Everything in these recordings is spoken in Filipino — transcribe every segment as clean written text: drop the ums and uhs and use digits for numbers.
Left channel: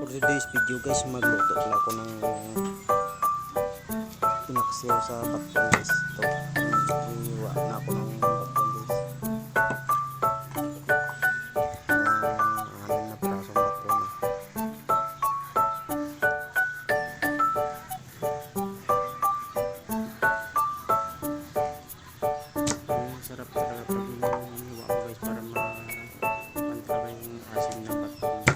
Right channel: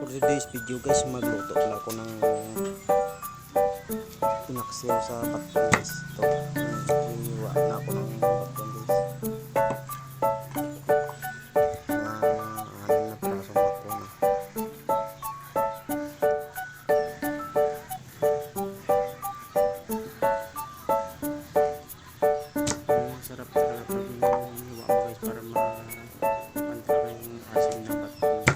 For today's video guys, magluto pala ako ng pinaksiw sa baton guys. Ito, hiwa na ako ng baton guys. Anim na pirasong baton. Sarap talaga pag hiwa mo guys para ma-pantala yung asim ng baton.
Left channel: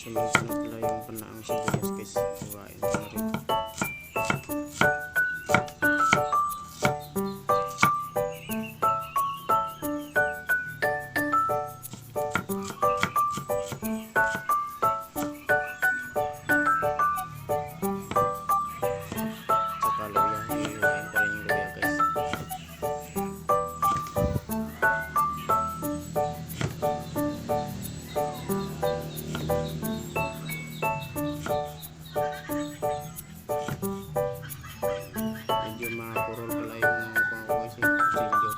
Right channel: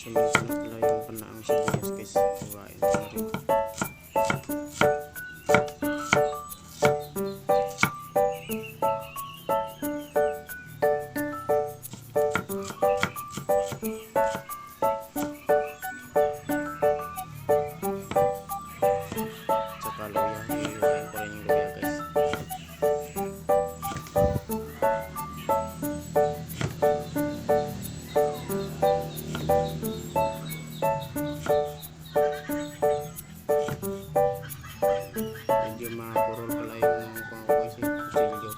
Sunod na pala yung panaang sibuyas guys. Huwain ko na rin. Saka luya. Hiwain ko rin yung luya guys. Medyo mapurol pala yung kutsilyo.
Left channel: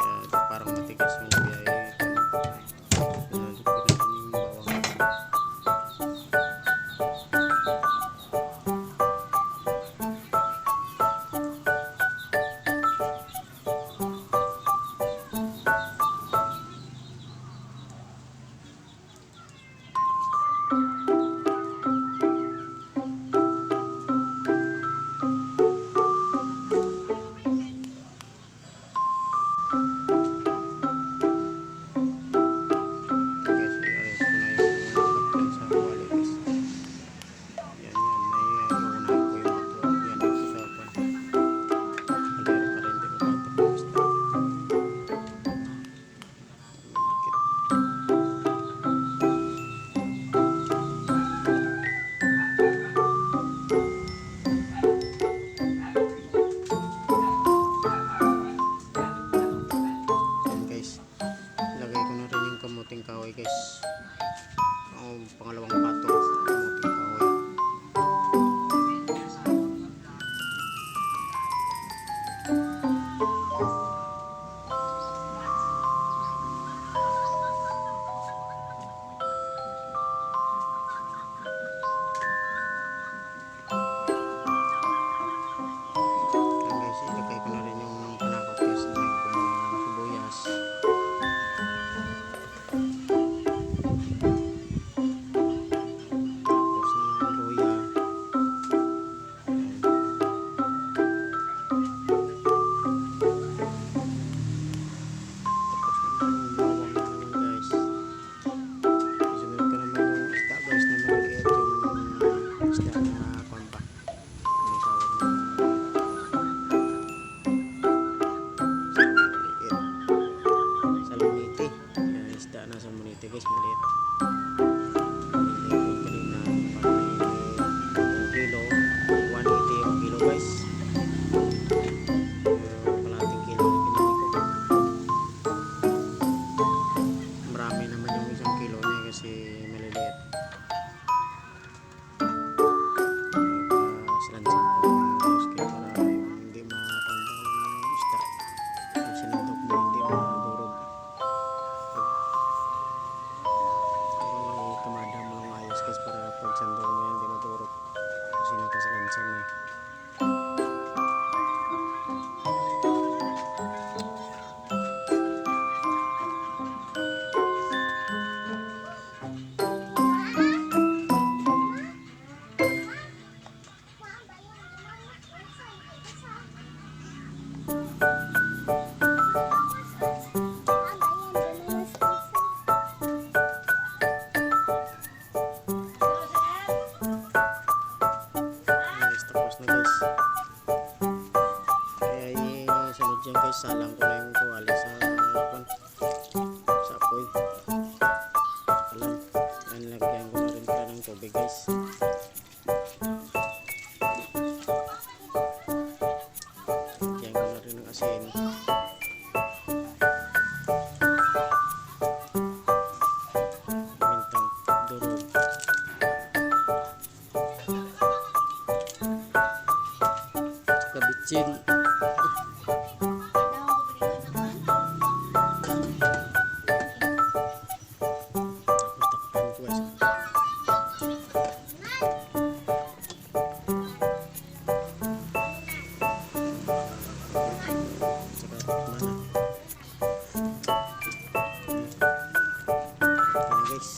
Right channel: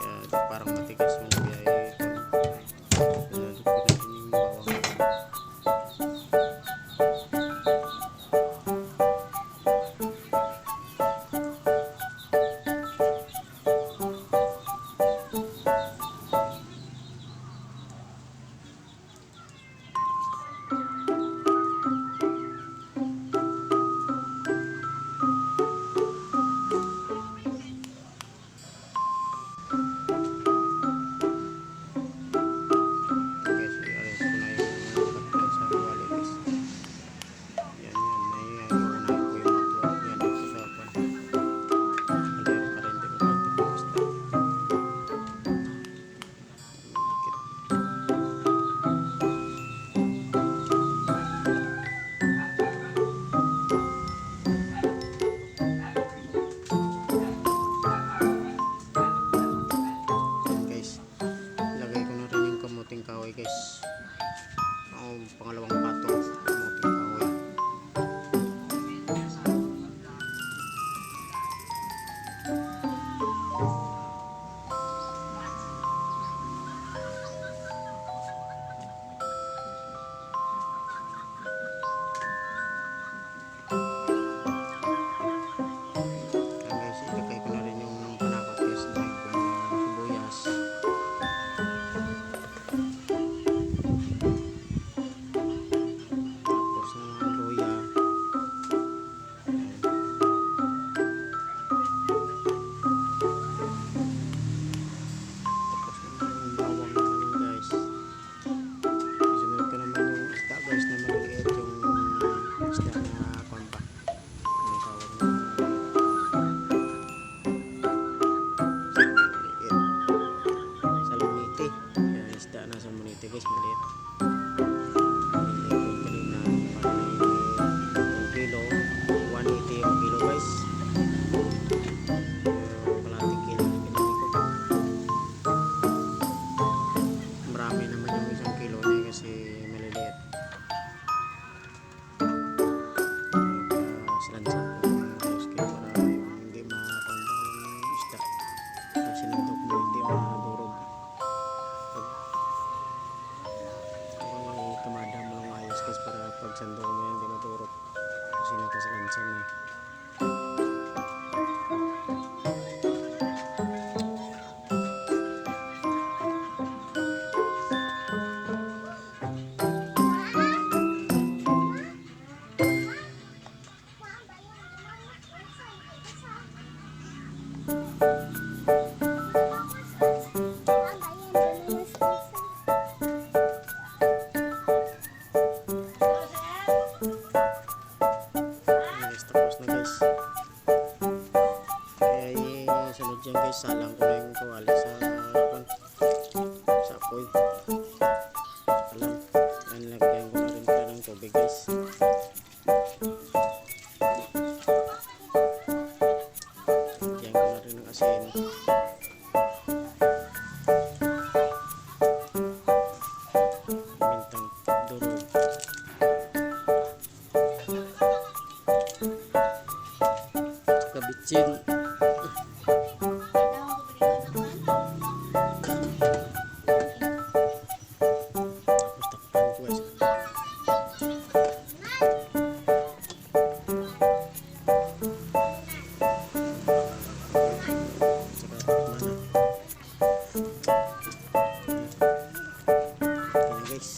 Kaya parang matigas yung luya nalupin natin yung bawang. Kamuting kahoy guys. Ang pangalawang patong kamuting kahoy. Ayan guys, ilagay ko na rin yung panakot guys ng sibuyas. Nasa muniti guys, maliit. Kanina parang 1 kilo, 180 yung kilo guys. Kalating kilo yung pinili ko. Marami naman yung 1 kilo niya kasi maliliit. Silansan ko guys para hindi makakanda yung isda. Pag sinundok mo hindi madurog. Kamada mo lang ayos guys para pag sandok mo yan hindi maturok kasi nakasalansan na dyan guys, salang ko na yung tuwali sa apoy. Alam. Lagyan ko na rin pala ng tubig guys. Lagyan ko na rin ng asin. Mintang durog. Tsaka bitsin. Tapos takpan ko guys. Tsaka tikman na. Okay na guys.